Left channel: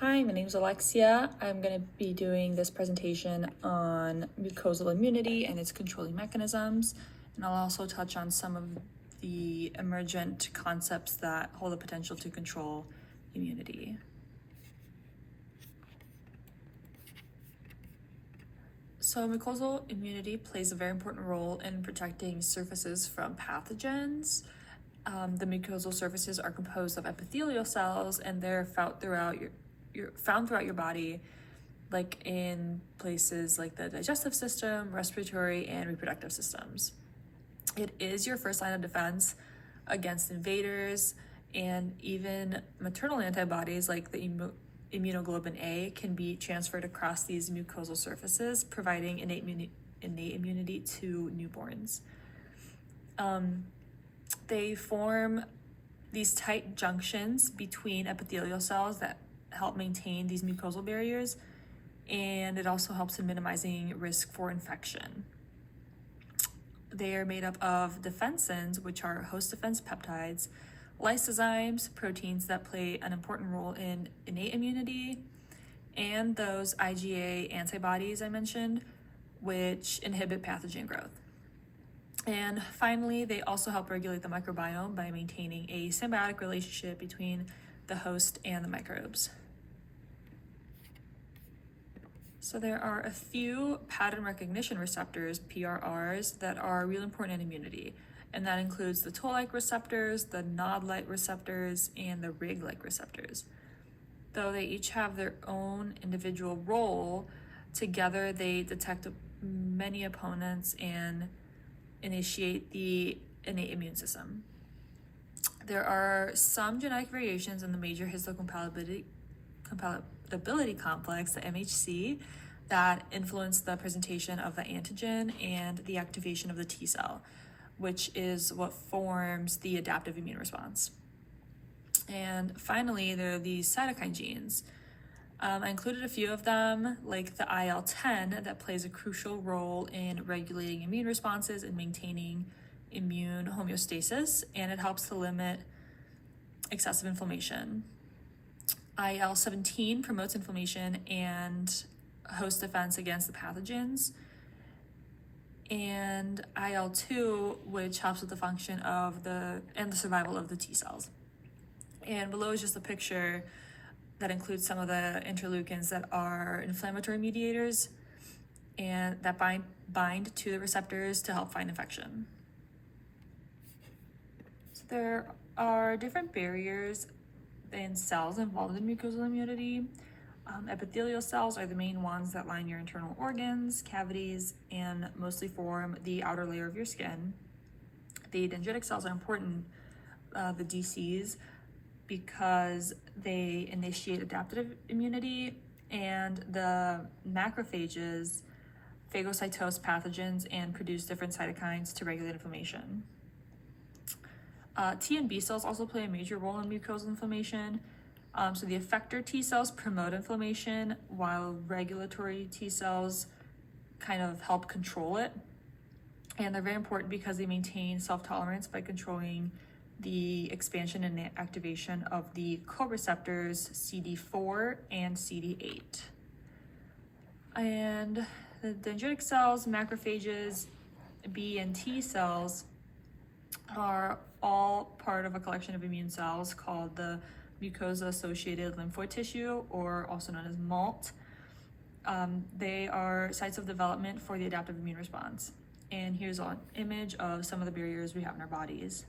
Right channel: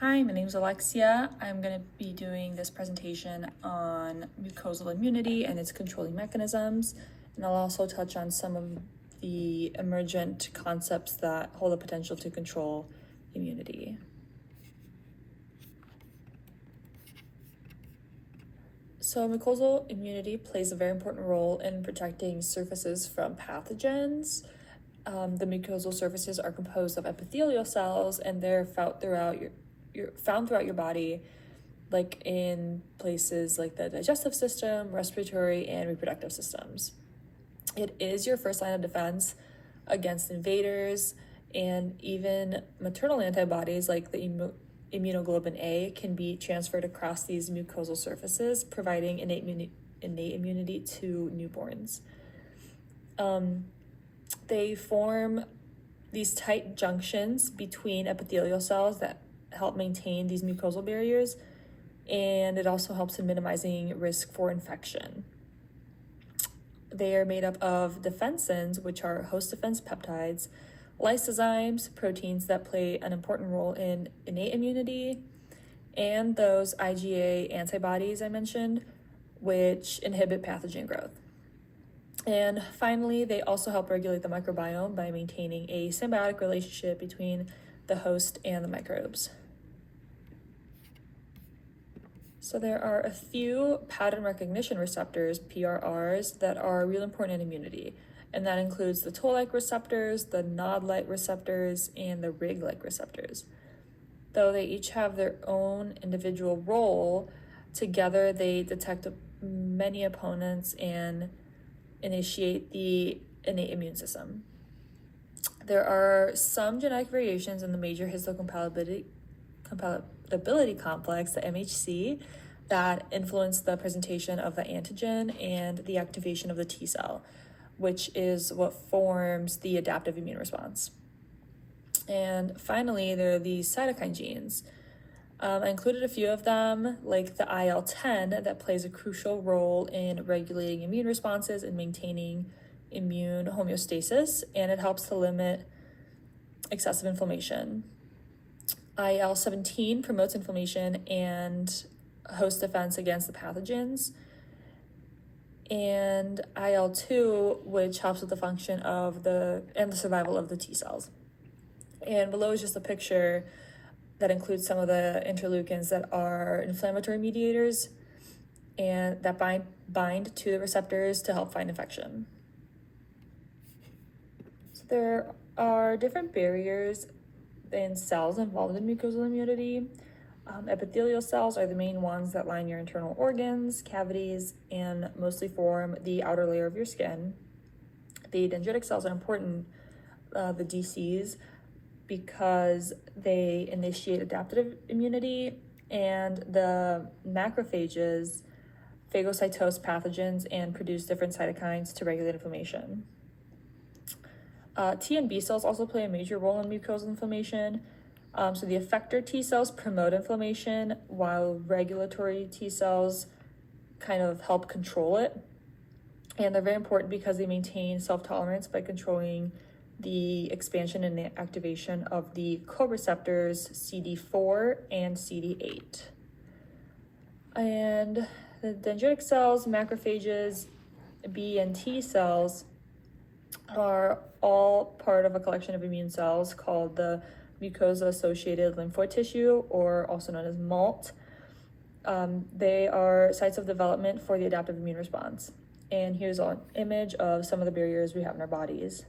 Hi, my name is Alexia. I'm going to be doing this presentation on mucosal immunity and its controlling mechanisms, and I'll also touch on some of the emergent concepts that hold the potential to control immunity. So mucosal immunity plays a very important role in protecting surfaces from pathogens. The mucosal surfaces are composed of epithelial cells, and they're found throughout your body, like in places like the digestive system, respiratory, and reproductive systems. It is your first line of defense against invaders, and even maternal antibodies like the immunoglobulin A can be transferred across these mucosal surfaces, providing innate immunity to newborns. They form these tight junctions between epithelial cells that help maintain these mucosal barriers, and it also helps in minimizing risk for infection. They are made up of defensins, which are host defense peptides, lysozymes, proteins that play an important role in innate immunity, and those IgA antibodies I mentioned, which inhibit pathogen growth. And finally, they also help regulate the microbiome by maintaining a symbiotic relationship between the host and the microbes. So there are a few pattern recognition receptors, PRRs, that are really important in immunity. And that includes the toll-like receptors, the nod-like receptors, and the rig-like receptors. Though they each have their own individual role, together they detect many opponents and initiate the innate immune system. There are some genetic variations in the major histocompatibility complex, the MHC, that influence the presentation of the antigen and the activation of the T cell, which is what forms the adaptive immune response. And finally, there are these cytokine genes. I included a few of them, like the IL-10, that plays a crucial role in regulating immune responses and maintaining immune homeostasis, and it helps to limit excessive inflammation. IL-17 promotes inflammation and host defense against the pathogens, and IL-2, which helps with the function of the survival of the T cells. And below is just a picture that includes some of the interleukins that are inflammatory mediators and that bind to the receptors to help fight infection. So there are different barriers in cells involved in mucosal immunity. Epithelial cells are the main ones that line your internal organs, cavities, and mostly form the outer layer of your skin. The dendritic cells are important, the DCs, because they initiate adaptive immunity, and the macrophages phagocytose pathogens and produce different cytokines to regulate inflammation. T and B cells also play a major role in mucosal inflammation. So the effector T cells promote inflammation, while regulatory T cells kind of help control it. And they're very important because they maintain self-tolerance by controlling the expansion and activation of the co-receptors CD4 and CD8. And the dendritic cells, macrophages, B and T cells are all part of a collection of immune cells called the mucosa-associated lymphoid tissue, or also known as MALT. They are sites of development for the adaptive immune response. And here's an image of some of the barriers we have in our bodies.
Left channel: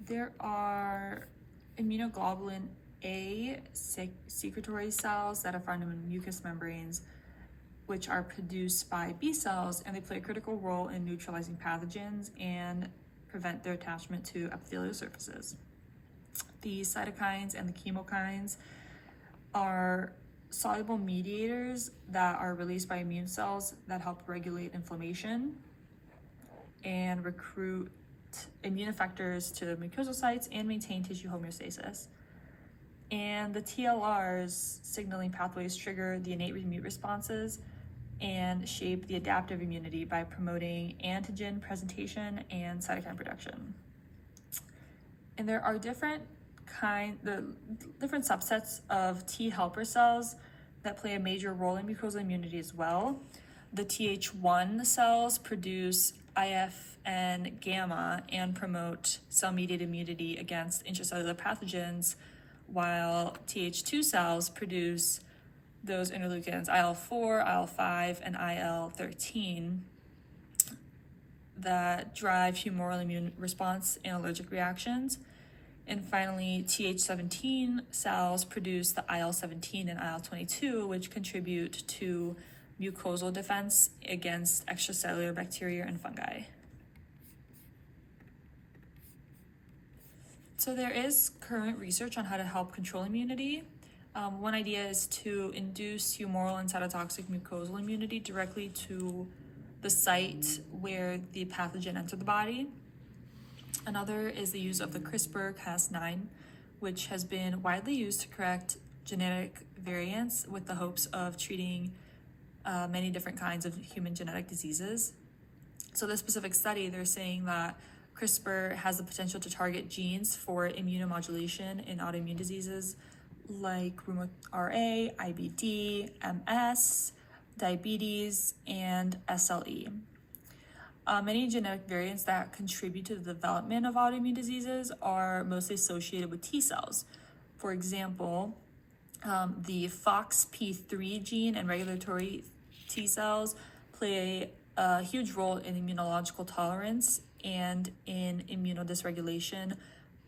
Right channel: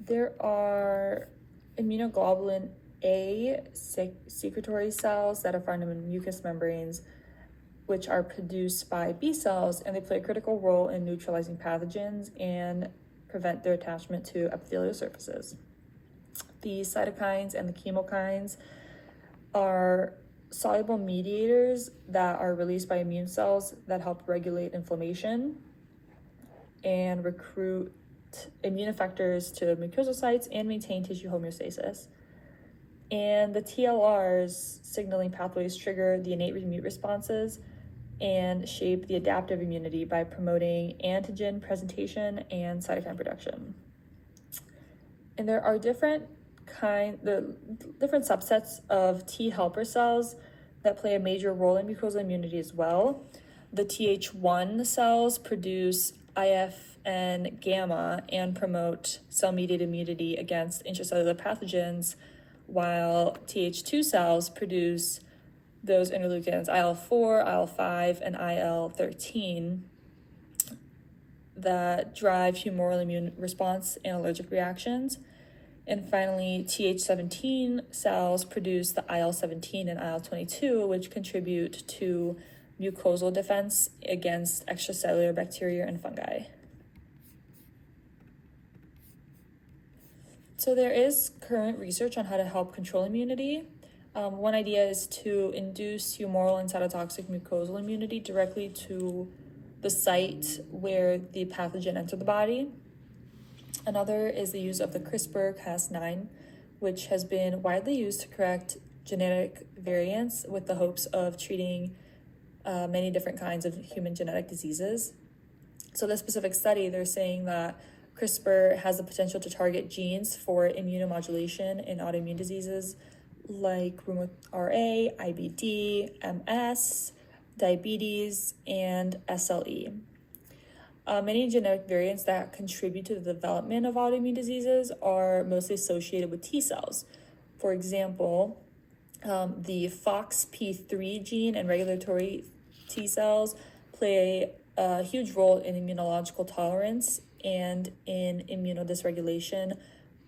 There are immunoglobulin A secretory cells that are found in mucous membranes, which are produced by B cells, and they play a critical role in neutralizing pathogens and prevent their attachment to epithelial surfaces. The cytokines and the chemokines are soluble mediators that are released by immune cells that help regulate inflammation and recruit immune effectors to mucosal sites and maintain tissue homeostasis. And the TLR's signaling pathways trigger the innate immune responses and shape the adaptive immunity by promoting antigen presentation and cytokine production. And there are different different subsets of T helper cells that play a major role in mucosal immunity as well. The Th1 cells produce IFN gamma and promote cell-mediated immunity against intracellular pathogens, while Th2 cells produce those interleukins IL-4, IL-5, and IL-13 that drive humoral immune response and allergic reactions. And finally, Th17 cells produce the IL-17 and IL-22, which contribute to mucosal defense against extracellular bacteria and fungi. So there is current research on how to help control immunity. One idea is to induce humoral and cytotoxic mucosal immunity directly to the site where the pathogen entered the body. Another is the use of the CRISPR-Cas9, which has been widely used to correct genetic variants with the hopes of treating many different kinds of human genetic diseases. So this specific study, they're saying that CRISPR has the potential to target genes for immunomodulation in autoimmune diseases like RA, IBD, MS, diabetes, and SLE. Many genetic variants that contribute to the development of autoimmune diseases are mostly associated with T cells. For example, the FOXP3 gene and regulatory T cells play a huge role in immunological tolerance and in immunodysregulation.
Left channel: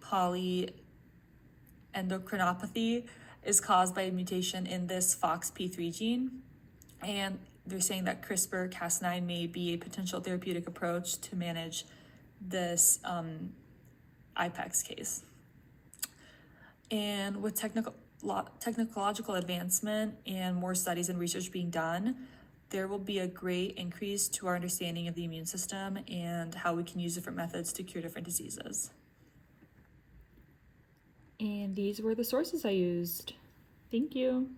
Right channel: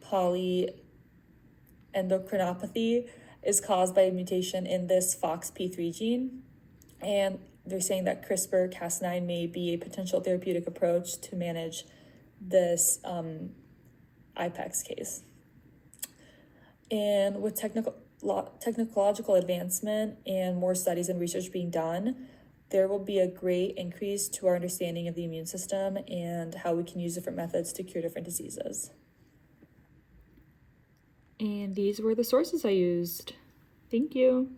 Polyendocrinopathy is caused by a mutation in this FOXP3 gene, and they're saying that CRISPR-Cas9 may be a potential therapeutic approach to manage this IPEX case. And with technological advancement and more studies and research being done, there will be a great increase to our understanding of the immune system and how we can use different methods to cure different diseases. And these were the sources I used. Thank you.